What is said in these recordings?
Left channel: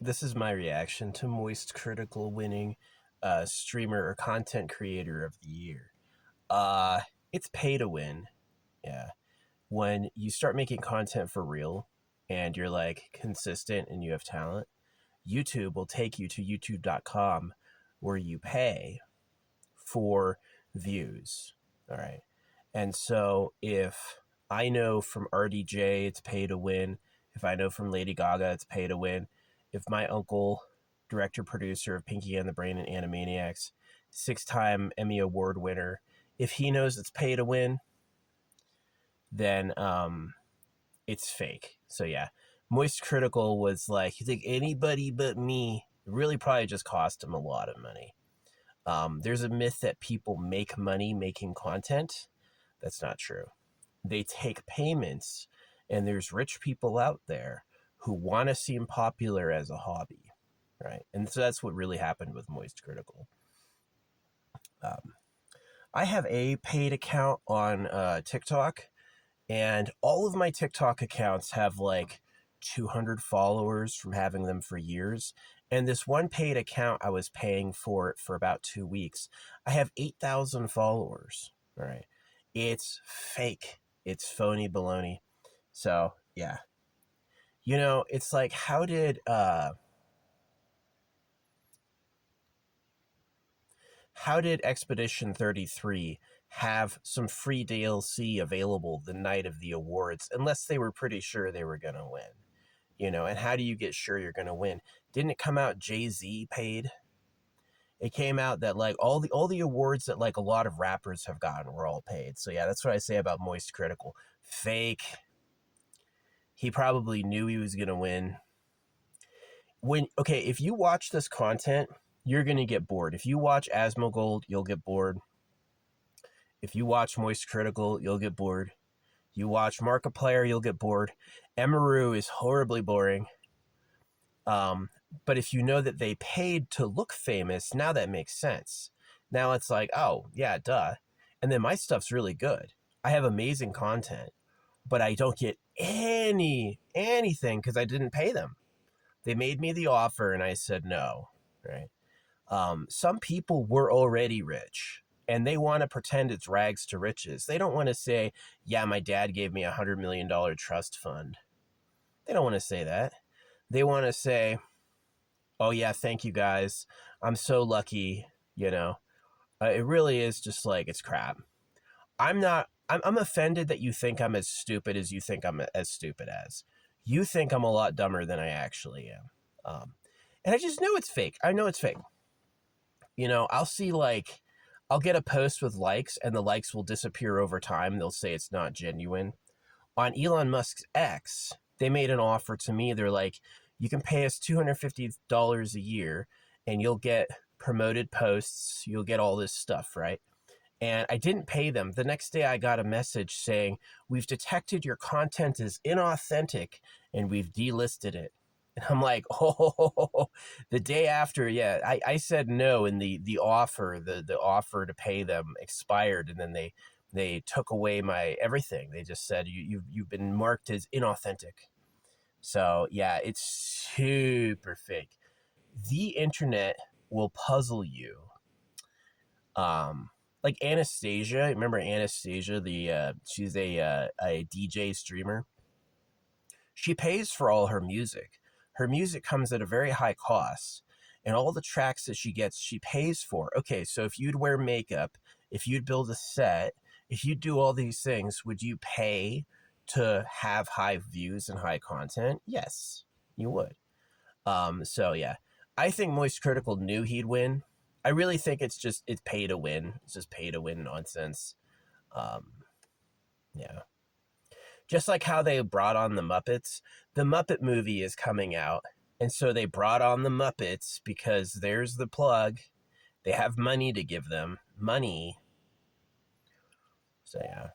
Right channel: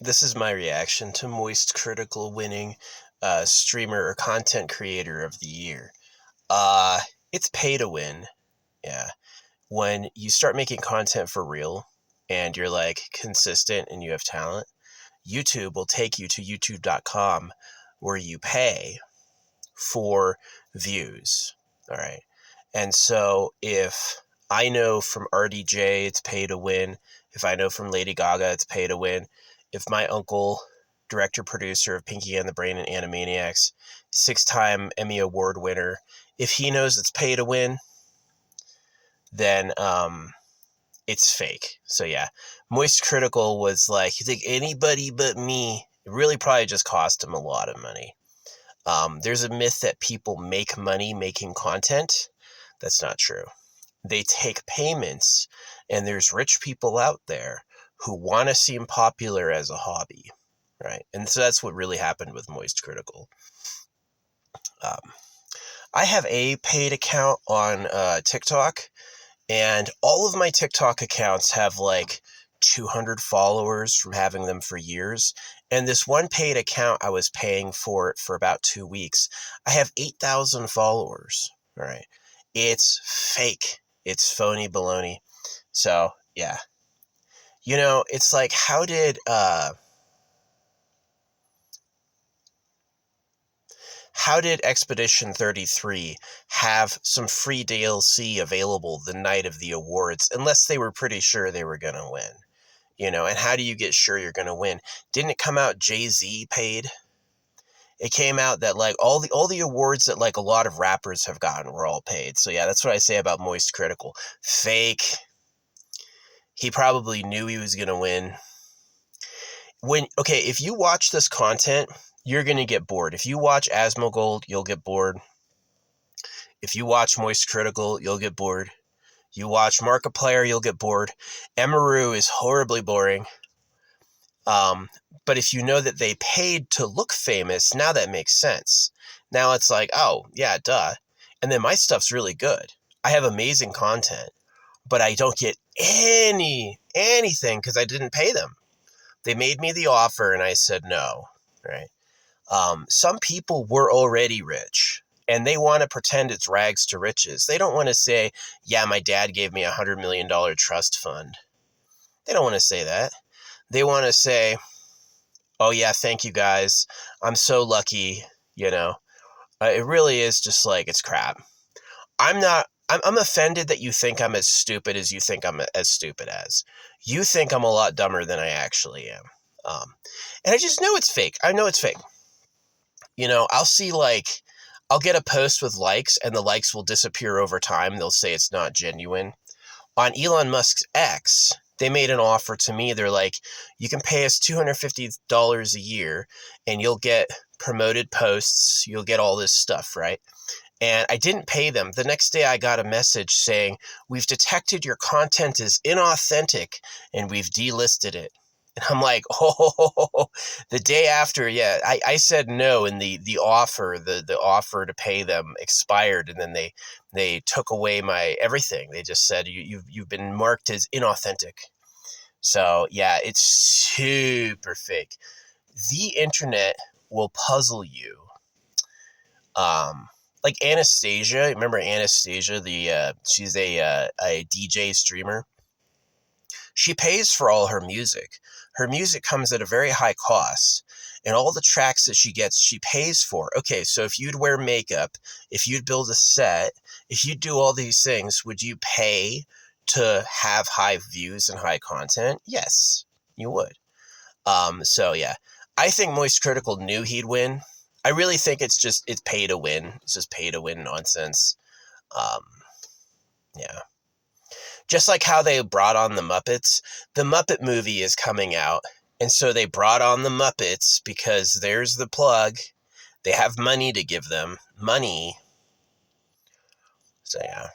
this is my reaction to Moist Critical winning streamer or content creator of the year. Uh, it's pay to win. Yeah. When you start making content for real and you're like consistent and you have talent, YouTube will take you to youtube.com where you pay for views. All right. And so if I know from RDJ it's pay to win, if I know from Lady Gaga it's pay to win, if my uncle, director producer of Pinky and the Brain and Animaniacs, 6-time Emmy Award winner, if he knows it's pay to win, then it's fake. So yeah, Moist Critical was like, you think anybody but me? It really probably just cost him a lot of money. There's a myth that people make money making content. That's not true. They take payments, and there's rich people out there who want to seem popular as a hobby, right? And so that's what really happened with Moist Critical. Um, I have a paid account on TikTok, and all of my TikTok accounts have like 200 followers from having them for years. And this one paid account I was paying for about 2 weeks, I have 8,000 followers. All right. It's fake. It's phony baloney. So, yeah. It's like, how did Expedition 33 have some free DLC available the night of the awards unless they were pretty sure they were going to win? And how do you get sure you're going to win? Didn't it come out Jay-Z paid? It came out that like all the awards that like a lot of rappers have gotten were all paid. So yeah, that's what I say about Moist Critical. Fake. He probably knew he was going to win. If you watch this content, you're going to get bored. If you watch Asmongold, you'll get bored. If you watch Moist Critical, you'll get bored. You watch Markiplier, you'll get bored. Emaru is horribly boring. But if you know that they paid to look famous, now that makes sense. Now it's like, oh, yeah, duh. And then my stuff's really good. I have amazing content, but I don't get anything because I didn't pay them. They made me the offer and I said no, right? Some people were already rich and they want to pretend it's rags to riches. They don't want to say, yeah, my dad gave me $100 million trust fund. They don't want to say that. They want to say, oh yeah, thank you guys. I'm so lucky, It really is just like, it's crap. I'm offended that you think I'm as stupid as you think I'm as stupid as. You think I'm a lot dumber than I actually am. And I just know it's fake. I know it's fake. I'll see I'll get a post with likes and the likes will disappear over time. They'll say it's not genuine. On Elon Musk's X, they made an offer to me. They're like, you can pay us $250 a year and you'll get promoted posts. You'll get all this stuff, right? And I didn't pay them. The next day I got a message saying, we've detected your content is inauthentic and we've delisted it. And I'm like, oh, the day after, yeah, I said no, and the offer to pay them expired, and then they took away my everything. They just said you've been marked as inauthentic. So yeah, it's super fake. The internet will puzzle you. Like Anastasia, remember Anastasia? She's a DJ streamer. She pays for all her music. Her music comes at a very high cost, and all the tracks that she gets, she pays for. Okay, so if you'd wear makeup, if you'd build a set, if you'd do all these things, would you pay to have high views and high content? Yes, you would. So yeah, I think Moist Critical knew he'd win. I really think it's pay to win. It's just pay to win nonsense. Um, yeah. Just like how they brought on the Muppets. The Muppet movie is coming out. And so they brought on the Muppets because there's the plug. They have money to give them. Money. So yeah,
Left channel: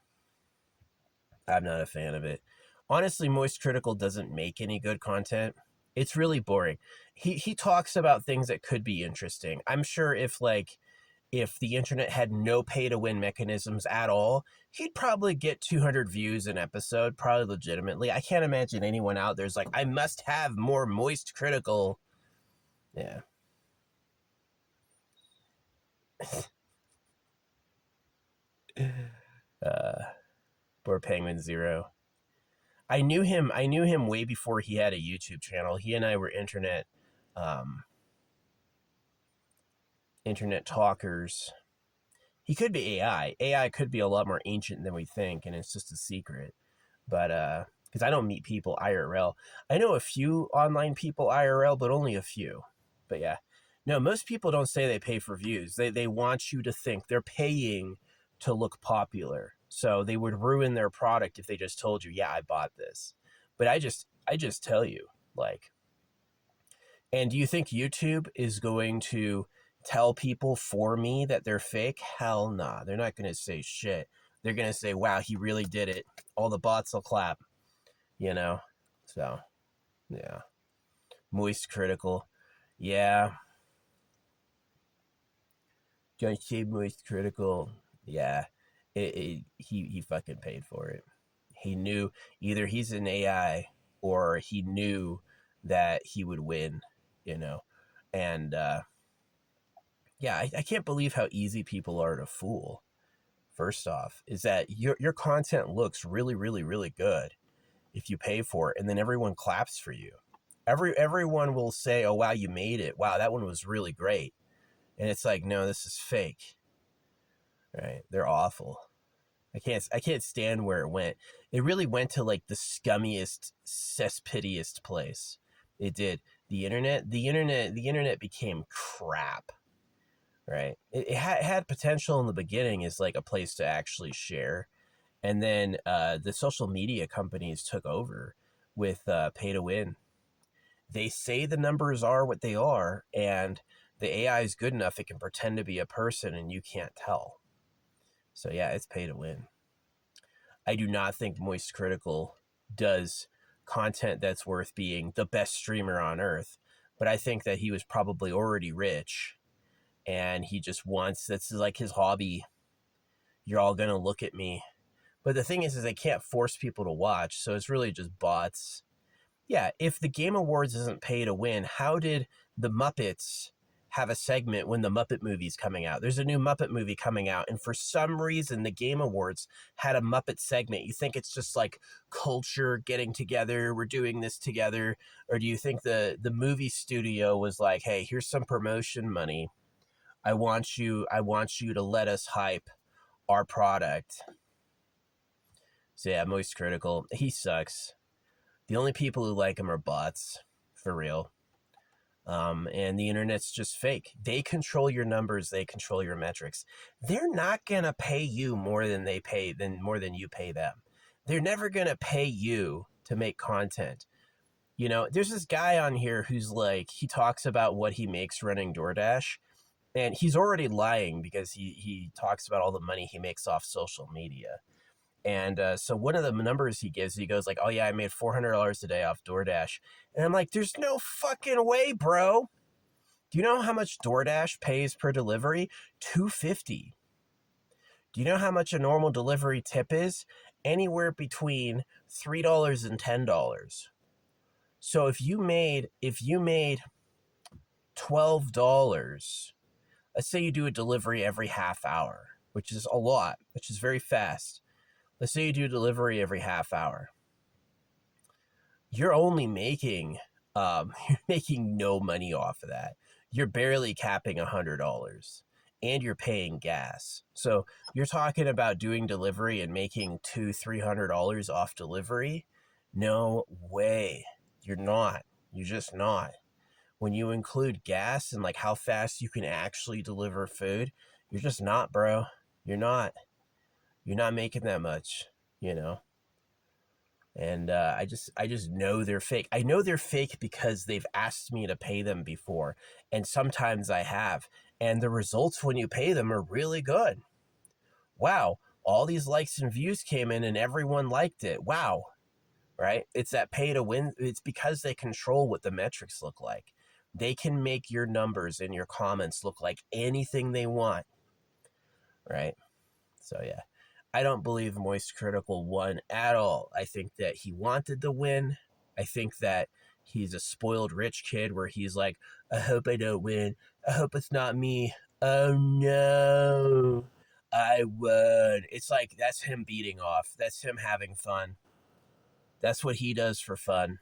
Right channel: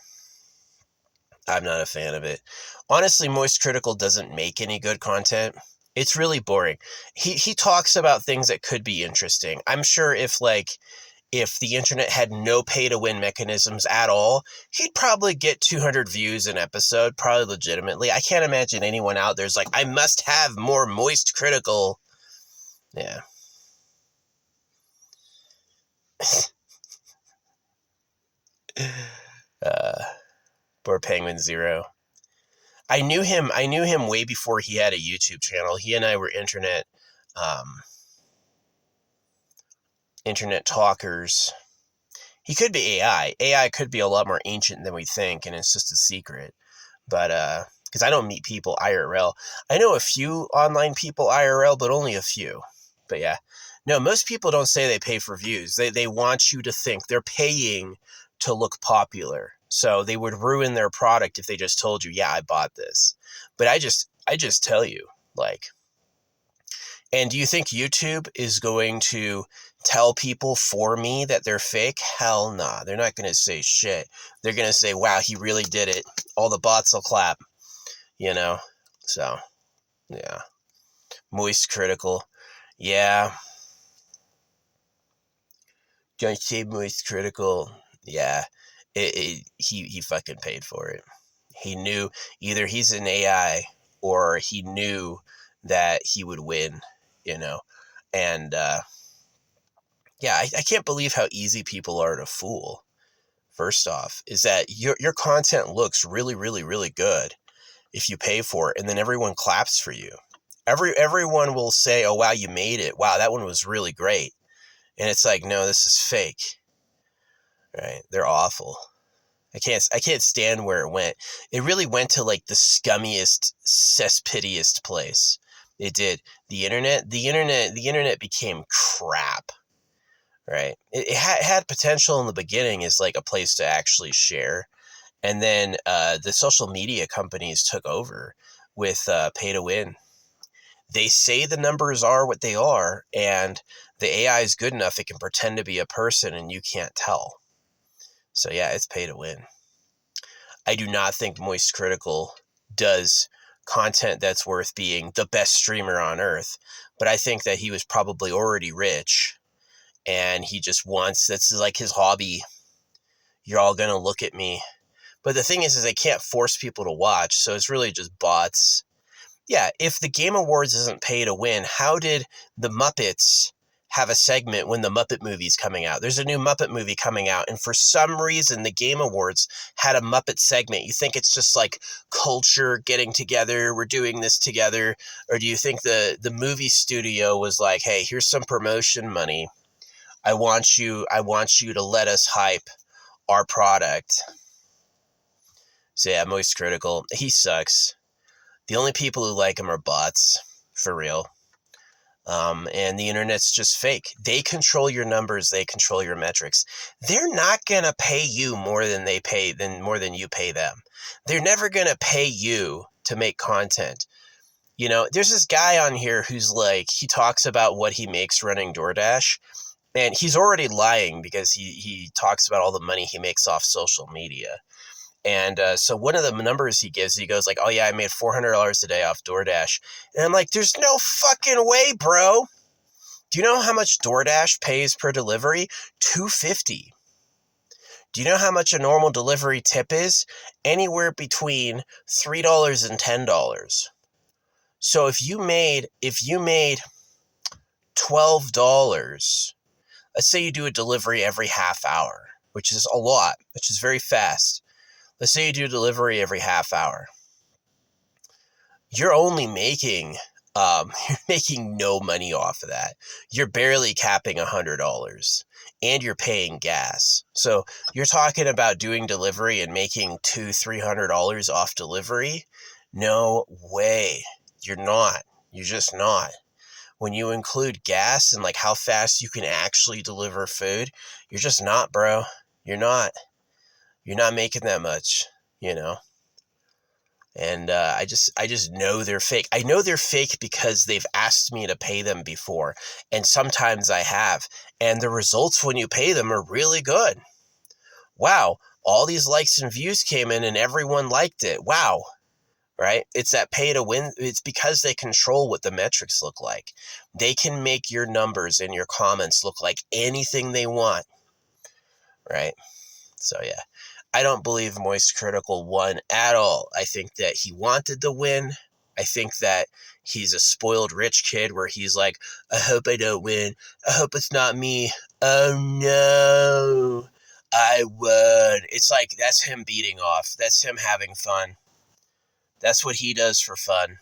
I'm not a fan of it. Honestly, Moist Critical doesn't make any good content. It's really boring. He talks about things that could be interesting. I'm sure if the internet had no pay-to-win mechanisms at all, he'd probably get 200 views an episode, probably legitimately. I can't imagine anyone out there's like, I must have more Moist Critical. Yeah. uh, poor Penguin Zero. I knew him. I knew him way before he had a YouTube channel. He and I were internet talkers. He could be AI. AI could be a lot more ancient than we think, and it's just a secret. But because I don't meet people IRL, I know a few online people IRL, but only a few. But yeah, no, most people don't say they pay for views. They want you to think they're paying to look popular. So they would ruin their product if they just told you, yeah, I bought this. But I just tell you, like, and do you think YouTube is going to tell people for me that they're fake? Hell nah. They're not going to say shit. They're going to say, wow, he really did it. All the bots will clap, you know? So, yeah. Moist Critical. Yeah. Don't say Moist Critical. Yeah. He fucking paid for it. He knew either he's an AI or he knew that he would win, you know? And, yeah, I can't believe how easy people are to fool. First off, is that your content looks really, really, really good if you pay for it, and then everyone claps for you. Everyone will say, "Oh wow, you made it! Wow, that one was really great." And it's like, no, this is fake. Right? They're awful. I can't stand where it went. It really went to like the scummiest, cesspittiest place. It did. The internet became crap. Right. It had potential in the beginning as like a place to actually share. And then the social media companies took over with pay to win. They say the numbers are what they are, and the AI is good enough it can pretend to be a person and you can't tell. So yeah, it's pay to win. I do not think Moist Critical does content that's worth being the best streamer on earth, but I think that he was probably already rich and he just wants, that's like his hobby. You're all going to look at me. But the thing is they can't force people to watch, so it's really just bots. Yeah, if the Game Awards isn't pay to win, how did the Muppets have a segment when the Muppet movie's coming out? There's a new Muppet movie coming out, and for some reason the Game Awards had a Muppet segment. You think it's just like culture getting together, we're doing this together, or do you think the movie studio was like, hey, here's some promotion money. I want you to let us hype our product. So yeah, Moist Critical. He sucks. The only people who like him are bots, for real. And the internet's just fake. They control your numbers. They control your metrics. They're not gonna pay you more than you pay them. They're never gonna pay you to make content. You know, there's this guy on here who's like, he talks about what he makes running DoorDash. And he's already lying because he talks about all the money he makes off social media. And so one of the numbers he gives, he goes like, oh yeah, I made $400 a day off DoorDash. And I'm like, there's no fucking way, bro. Do you know how much DoorDash pays per delivery? $2.50. Do you know how much a normal delivery tip is? Anywhere between $3 and $10. So if you made $12, let's say you do a delivery every half hour, which is a lot, which is very fast. Let's say you do delivery every half hour. You're only making you're making no money off of that. You're barely capping $100, and you're paying gas. So you're talking about doing delivery and making $200-300 off delivery. No way. You're not. You're just not. When you include gas and like how fast you can actually deliver food, you're just not, bro. You're not. You're not making that much, you know. And I just know they're fake. I know they're fake because they've asked me to pay them before, and sometimes I have. And the results when you pay them are really good. Wow, all these likes and views came in, and everyone liked it. Wow, right? It's that pay to win. It's because they control what the metrics look like. They can make your numbers and your comments look like anything they want, right? So yeah. I don't believe Moist Critical won at all. I think that he wanted to win. I think that he's a spoiled rich kid where he's like, I hope I don't win. I hope it's not me. Oh no, I won. It's like, that's him beating off. That's him having fun. That's what he does for fun.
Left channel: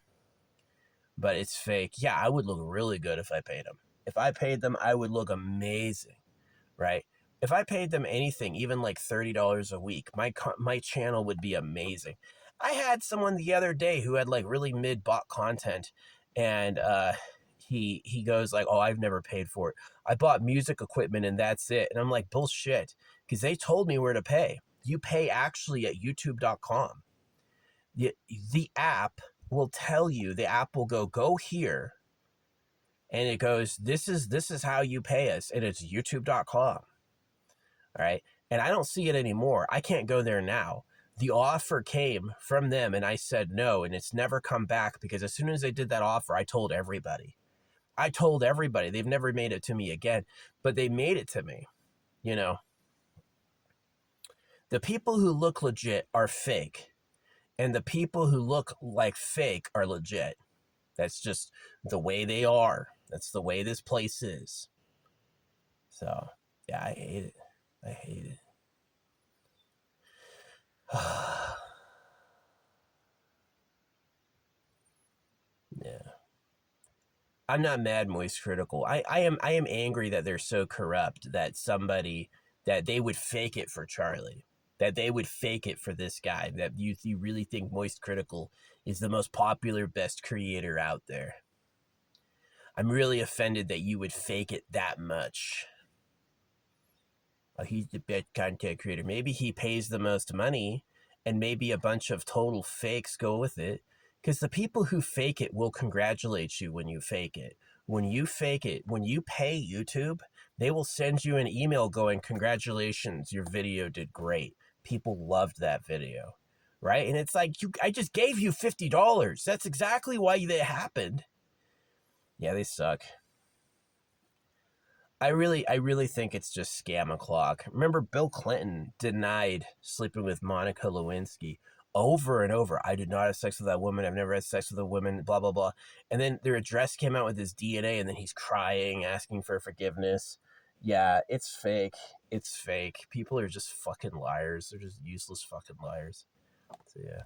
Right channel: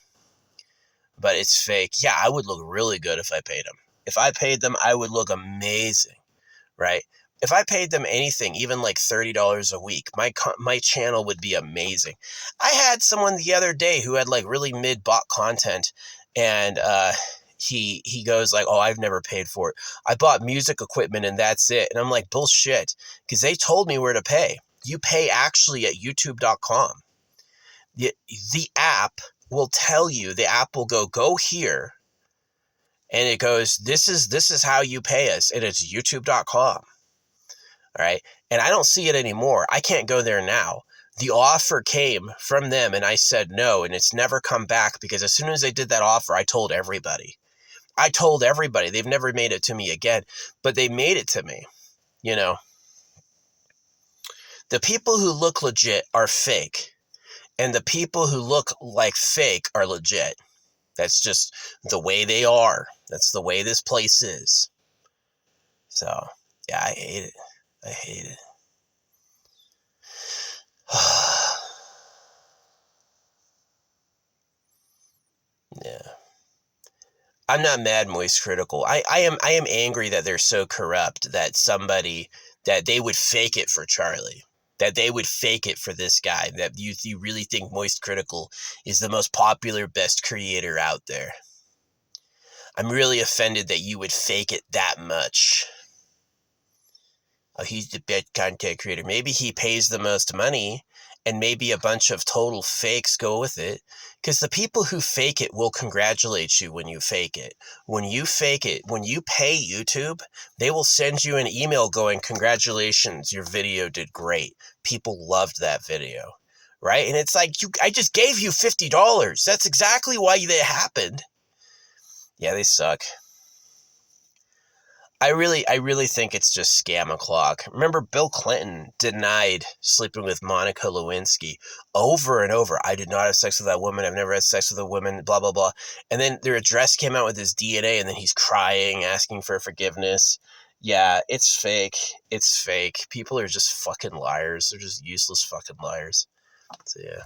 But it's fake. Yeah, I would look really good if I paid him. If I paid them, I would look amazing, right? If I paid them anything, even like $30 a week, my channel would be amazing. I had someone the other day who had like really mid-bot content, and he goes like, "Oh, I've never paid for it. I bought music equipment and that's it." And I'm like, bullshit, because they told me where to pay. You pay actually at youtube.com. The app will tell you, the app will go here, and it goes, this is how you pay us, and it's youtube.com. All right. And I don't see it anymore. I can't go there now. The offer came from them and I said no, and it's never come back, because as soon as they did that offer, I told everybody. They've never made it to me again, but they made it to me. You know, the people who look legit are fake, and the people who look like fake are legit. That's just the way they are. That's the way this place is. So, yeah, I hate it. I hate it. Yeah. I'm not mad, Moist Critical. I am angry that they're so corrupt that they would fake it for Charlie. That they would fake it for this guy. That you really think Moist Critical is the most popular, best creator out there. I'm really offended that you would fake it that much. Oh, he's the best content creator. Maybe he pays the most money, and maybe a bunch of total fakes go with it. Because the people who fake it will congratulate you when you fake it. When you fake it, when you pay YouTube, they will send you an email going, congratulations, your video did great. People loved that video. Right? And it's like, I just gave you $50. That's exactly why that happened. Yeah, they suck. I really think it's just scam o'clock. Remember, Bill Clinton denied sleeping with Monica Lewinsky over and over. I did not have sex with that woman. I've never had sex with a woman, blah, blah, blah. And then their address came out with his DNA, and then he's crying, asking for forgiveness. Yeah, it's fake. It's fake. People are just fucking liars. They're just useless fucking liars. So, yeah.